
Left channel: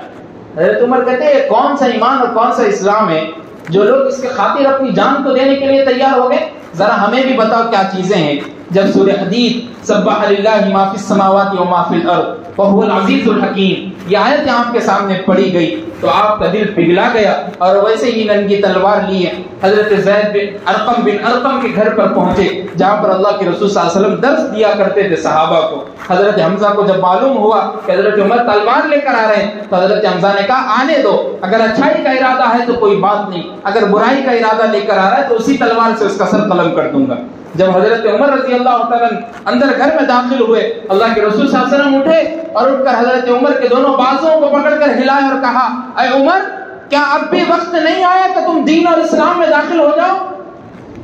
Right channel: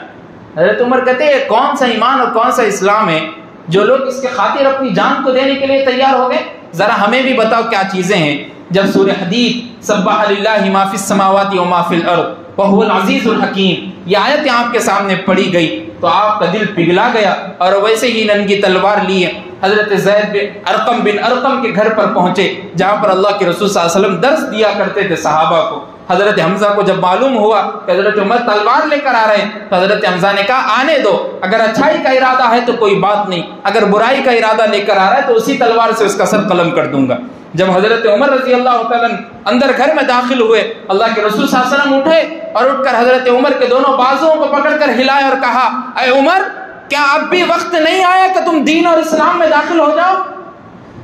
حضرت عمر کہتے ہیں کون سا ایمان اور کون سا اسلام ہے جو لوگ اس کے خاطر اپنی جان کو دینے کے لیے تیار ہو گئے؟ ذرا ہمیں بھی بتاؤ کیا چیزیں ہیں۔ جب سورہ حدید سبح للہ ما فی السماوات و ما فی الارض وہو العزیز الحکیم یہ آیت آپ کے سامنے پڑھی گئی تو آپ کا دل پگھلا گیا، اور ویسے ہی ننگی تلوار لیے حضرت زید بن ارقم کے گھر پر پہنچے جہاں پر اللہ کے رسول صلی اللہ علیہ وسلم درس دیا کرتے تھے صحابہ کو۔ حضرت حمزہ کو جب معلوم ہوا کہ حضرت عمر تلوار لے کر آ رہے ہیں تو حضرت حمزہ نے کہا آنے دو، اگر اچھائی کا ارادہ ہے تو کوئی بات نہیں، اگر برائی کا ارادہ لے کر آ رہا ہے تو اسی تلوار سے اس کا سر قلم کر دوں گا۔ جب حضرت عمر رضی اللہ تعالیٰ اندر گھر میں داخل ہوئے، اللہ کے رسول صلی اللہ علیہ وسلم اٹھے اور اٹھ کر حضرت عمر کے دونوں بازوؤں کو پکڑ کر ہلایا اور کہا اے عمر، کیا اب بھی وقت نہیں آیا کہ تم دین اور اسلام میں داخل ہو جاؤ؟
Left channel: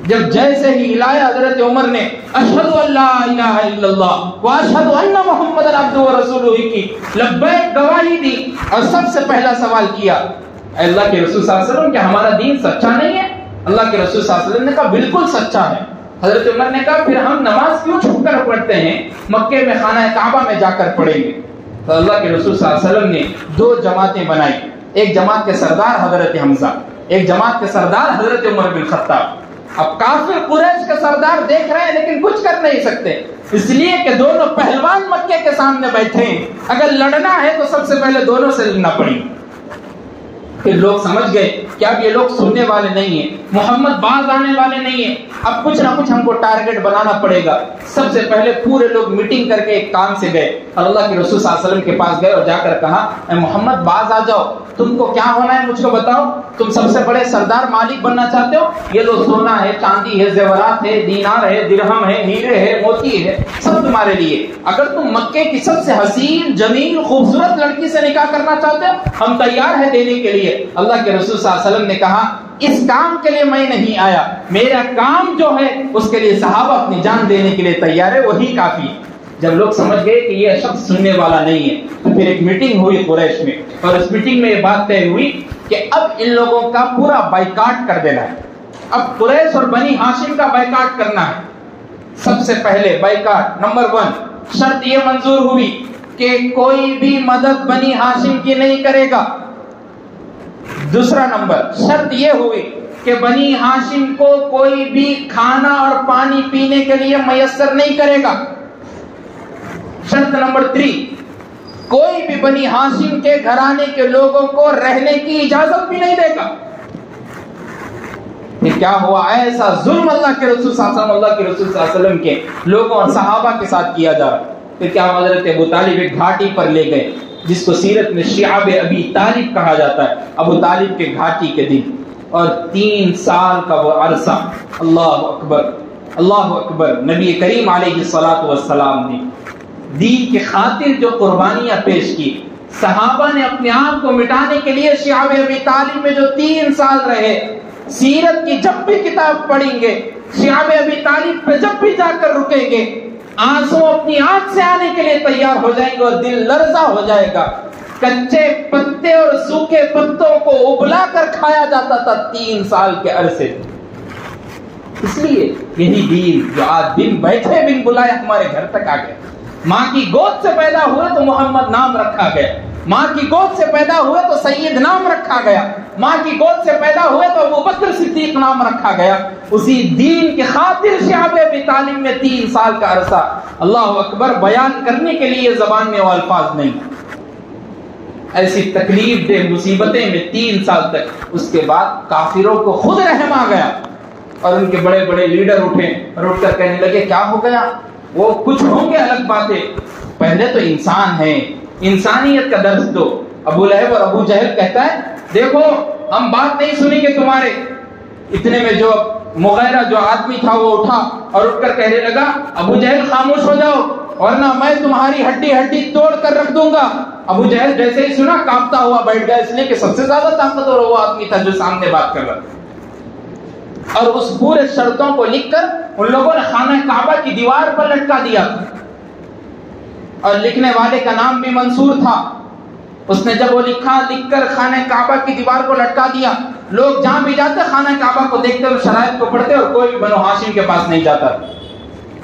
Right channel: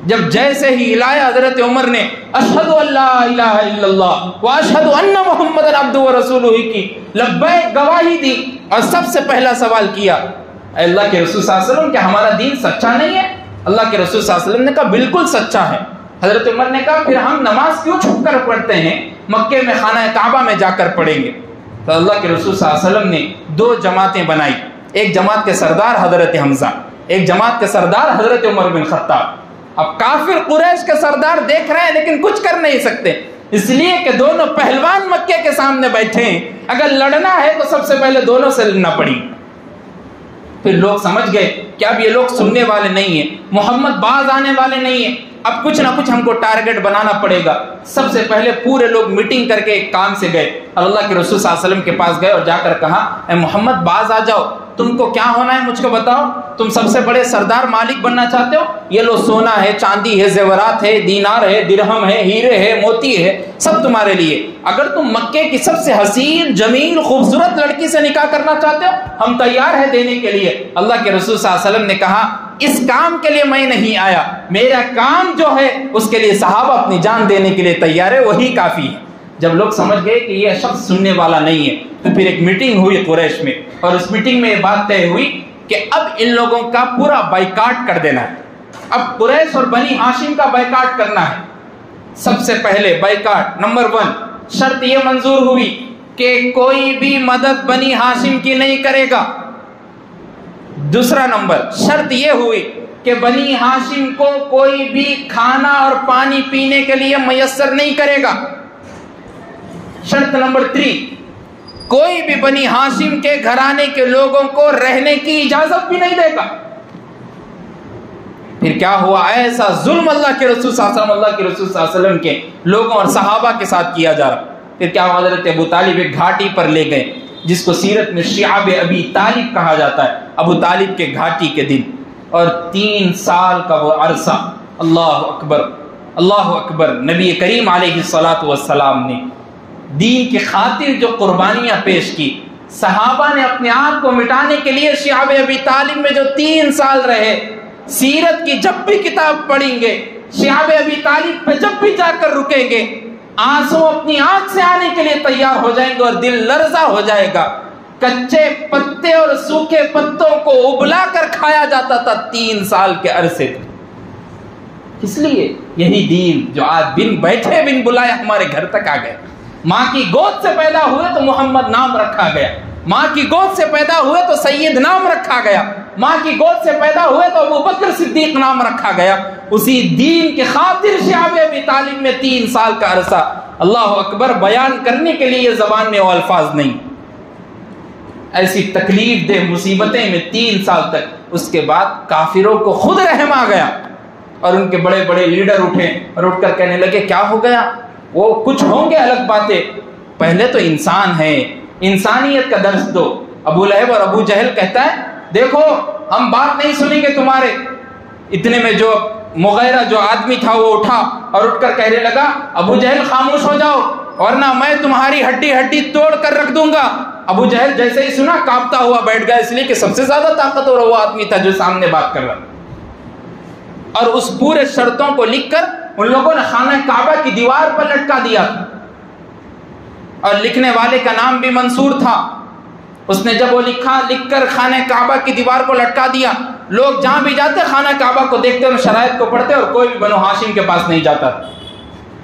جب جیسے ہی ہلایا حضرت عمر نے اشہد ان لا الہ الا اللہ واشہد ان محمد عبدہ ورسولہ کی لبیک گواہی دی، اور سب سے پہلا سوال کیا اے اللہ کے رسول صلی اللہ علیہ وسلم کیا ہمارا دین سچا نہیں ہے؟ اللہ کے رسول صلی اللہ علیہ وسلم نے کہا بالکل سچا ہے۔ حضرت عمر نے کہا پھر ہم نماز کیوں چھپ کر پڑھتے ہیں، مکے میں خانہ کعبہ میں جا کر پڑھیں گے۔ تو اللہ کے رسول صلی اللہ علیہ وسلم نے دو جماعتیں بنائی، ایک جماعت کے سردار حضرت حمزہ، ایک جماعت کے سردار حضرت عمر بن خطاب۔ اب کافر قریش کے سردار دیکھ رہے ہیں لیکن کچھ کر نہیں سکتے، اس لیے کہ دونوں پہلوان مکے کے سامنے بیٹھے ہیں، اگر لڑنا ہے تو سب سے پہلے دونوں سے لڑنا پڑی۔ پھر لوگ سمجھ گئے کہ اب یہ لوگ سننے والے نہیں ہیں، محمد باز آنے والے نہیں ہیں، اب کچھ نہ کچھ ہم کو ٹارگٹ بنانا پڑے گا۔ سب سے پہلے پورے لوگ میٹنگ کر کے ایک کام سے گئے اور اللہ کے رسول صلی اللہ علیہ وسلم کے پاس گئے اور جا کر کہا اے محمد باز آ جاؤ، تم کو کیا ہونا ہے مجھ کو بتاؤ، تم سب سے بڑے سردار مالک بننا چاہتے ہو؟ یہ لو سونا ہے، چاندی ہے، زیورات ہے، دینار ہے، درہم ہے، ہیرے ہے، موتی ہے، سب تمہارے لیے۔ اگر تم مکے کی سب سے حسین جمیل خوبصورت لڑکی سے نکاح کرنا چاہتے ہو ہم تیار ہیں دینے کے لیے۔ اللہ کے رسول صلی اللہ علیہ وسلم نے کہا اس کام کے لیے میں نہیں آیا، میرا کام جو ہے اس کے لیے صحابہ اپنی جان دینے کے لیے تیار ہے، وہی کافی ہے۔ جب لوگ سمجھ گئے کہ یہ شخص سننے والا نہیں ہے تو پھر ایک میٹنگ ہوئی قریش میں، اور اس میٹنگ میں یہ بات طے ہوئی کہ اب ان لوگوں کا پورا بائیکاٹ کر دینا ہے، اب قریش اور بنی ہاشم کا بائیکاٹ کرنا ہے۔ سب سے پہلے بائیکاٹ نمبر 1 شرط یہ منظور ہوئی کہ کوئی بھی مدد بنی ہاشم کی نہیں کرے گا۔ دوسرا نمبر شرط یہ ہوئی کہ بنی ہاشم کو کوئی بھی کھانا اور پانی پینے کے لیے میسر نہیں کرے گا۔ شرط نمبر 3 کوئی بھی بنی ہاشم کے گھرانے کے لوگوں کو رہنے کی اجازت بھی نہیں دے گا۔ پھر کیا ہوا؟ ایسا ظلم اللہ کے رسول صلی اللہ علیہ وسلم کے لوگوں اور صحابہ کے ساتھ کیا جا رہا۔ پھر کیا ہوا؟ حضرت ابو طالب ایک گھاٹی پر لے گئے جس کو سیرت میں شعاب ابی طالب کہا جاتا ہے، ابو طالب کے گھاٹی کے دن، اور 3 سال کا وہ عرصہ، اللہ اکبر اللہ اکبر، نبی کریم علیہ السلام نے دین کی خاطر جو قربانیاں پیش کی، صحابہ نے اپنے آپ کو مٹانے کے لیے شعاب ابی طالب میں جو 3 سال رہے، سیرت کی جب بھی کتاب پڑھیں گے، شعاب ابی طالب پہ جب بھی جا کر رکیں گے، آنسو اپنی آنکھ سے آنے کے لیے تیار ہو جائیں گے اور دل لرزہ ہو جائے گا۔ کچے پتے اور سوکھے پتوں کو ابلا کر کھایا جاتا تھا 3 سال کے عرصے۔ اس لیے یہی دین جو آج بن بیٹھے بن بلائے ہمارے گھر تک آ گئے۔ ماں کی گود سے پیدا ہوئے تو محمد نام رکھا گیا، ماں کی گود سے پیدا ہوئے تو سید نام رکھا گیا، ماں کی گود سے پیدا ہوئے تو ابوبکر صدیق نام رکھا گیا۔ اسی دین کی خاطر شعب ابی طالب میں 3 سال کا عرصہ، اللہ اکبر، بیان کرنے کے لیے زبان میں وہ الفاظ نہیں۔ ایسی تکلیف دہ مصیبتیں میں 3 سال تک۔ اس کے بعد کافروں کو خود رحم آ گیا اور ان کے بڑے بڑے لیڈر اٹھے اور اٹھ کر کہنے لگے کیا ہو گیا؟ وہ کچھ ہوں گے الگ باتیں، پہلے تو انسان ہے، انسانیت کا درس دو۔ ابو لہب اور ابو جہل کہتا ہے دیکھو ہم بات نہیں سنیں گے تمہارے۔ اتنے میں جو مغیرہ جو آدمی تھا وہ اٹھا اور اٹھ کر کہنے لگا ابو جہل خاموش ہو جاؤ ورنہ میں تمہاری ہڈی ہڈی توڑ کر رکھ دوں گا۔ ابو جہل جیسے ہی سنا کانپتا ہوا بیٹھ گیا، اس لیے کہ سب سے زیادہ طاقتور وہ آدمی تھا جو سامنے بات کر رہا تھا۔ اور اس پورے شرطوں کو لکھ کر ان لوگوں نے خانہ کعبہ کی دیوار پر لٹکا دیا، اور لکھنے والے کا نام بھی منصور تھا۔ اس نے جب وہ لکھ کر خانہ کعبہ کی دیوار کو لٹکا دیا، لوگ جہاں بھی جاتے خانہ کعبہ کو دیکھتے اور شرائط کو پڑھتے اور کوئی بھی بنو ہاشم کے پاس نہیں جاتا۔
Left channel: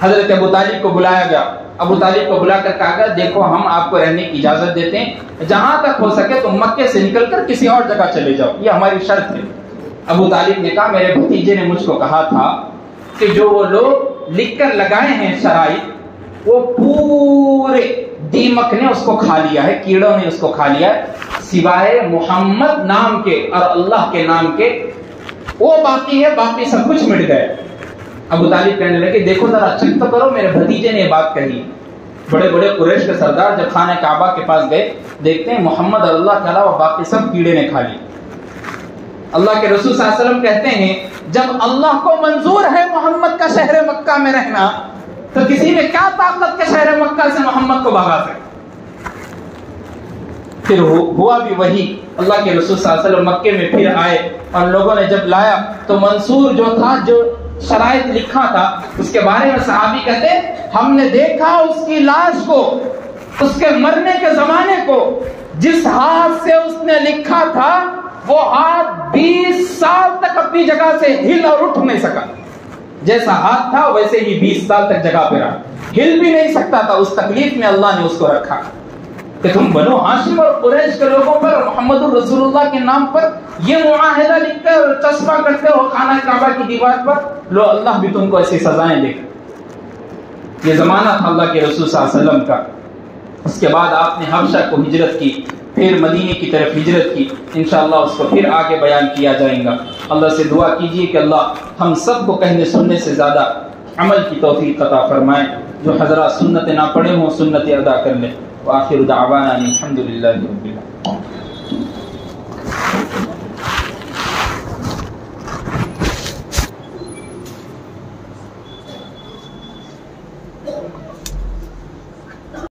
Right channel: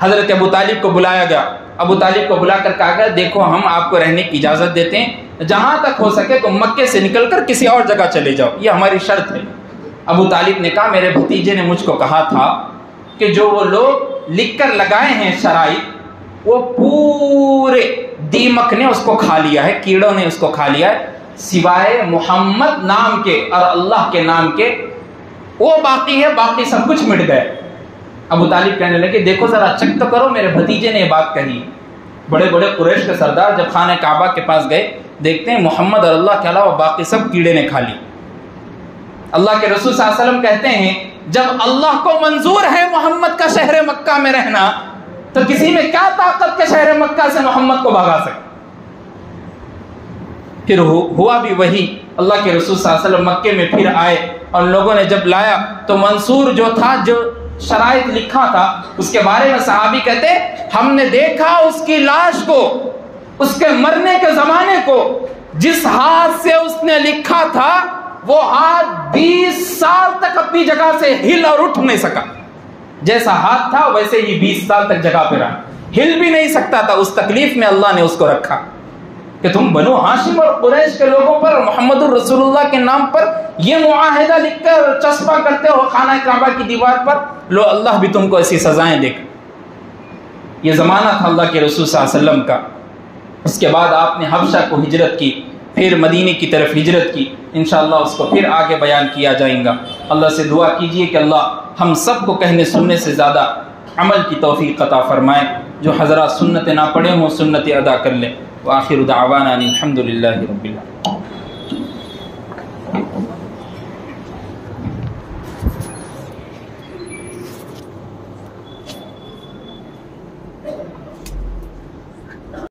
حضرت ابو طالب کو بلایا گیا، ابو طالب کو بلا کر کہا گیا دیکھو ہم آپ کو رہنے کی اجازت دیتے ہیں، جہاں تک ہو سکے تو مکے سے نکل کر کسی اور جگہ چلے جاؤ، یہ ہماری شرط ہے۔ ابو طالب نے کہا میرے بھتیجے نے مجھ کو کہا تھا کہ جو وہ لوگ لکھ کر لگائے ہیں شرائط، وہ پورے دیمک نے اس کو کھا لیا ہے، کیڑوں نے اس کو کھا لیا ہے، سوائے محمد نام کے اور اللہ کے نام کے وہ باقی ہے، باقی سب کچھ مٹ گئے۔ ابو طالب کہنے لگے دیکھو ذرا چیک تو کرو، میرے بھتیجے نے یہ بات کہی۔ بڑے بڑے قریش کے سردار جب خانہ کعبہ کے پاس گئے، دیکھتے ہیں محمد اور اللہ کے علاوہ باقی سب کیڑے نے کھا لی۔ اللہ کے رسول صلی اللہ علیہ وسلم کہتے ہیں جب اللہ کو منظور ہے محمد کا شہر مکہ میں رہنا، تو کسی میں کیا طاقت کے شہر مکہ سے محمد کو بھگا سکے؟ پھر ہوا بھی وہی، اللہ کے رسول صلی اللہ علیہ وسلم مکے میں پھر آئے اور لوگوں نے جب لایا تو منصور جو تھا، جو شرائط لکھا تھا، اس کے بارے میں صحابی کہتے ہم نے دیکھا اس کی لاش کو، اس کے مرنے کے زمانے کو، جس ہاتھ سے اس نے لکھا تھا وہ ہاتھ 20 سال تک اپنی جگہ سے ہل اور اٹھ نہیں سکا۔ جیسا ہاتھ تھا ویسے ہی 20 سال تک جگہ پہ رہا، ہل بھی نہیں سکتا تھا۔ اس تکلیف میں اللہ نے اس کو رکھا کہ تم بنو ہاشم اور قریش کے لوگوں پر محمد الرسول اللہ کے نام پر یہ معاہدہ لکھ کر چسپاں کرتے ہو خانہ کعبہ کی دیوار پر، لو اللہ بھی تم کو ایسی سزائیں دے گا۔ یہ زمانہ تھا اللہ کے رسول صلی اللہ علیہ وسلم کا۔ اس کے بعد آپ نے حبشہ کو ہجرت کی، پھر مدینے کی طرف ہجرت کی، انشاءاللہ اس کو پھر آگے بیان کیا جائے گا۔ اللہ سے دعا کیجئے کہ اللہ ہم سب کو کہنے سننے سے زیادہ عمل کی توفیق عطا فرمائے۔ جو حضرات سنت نہ پڑھے ہوں سنت ادا کر لیں۔ وآخر دعوانا الحمدللہ رب العالمین۔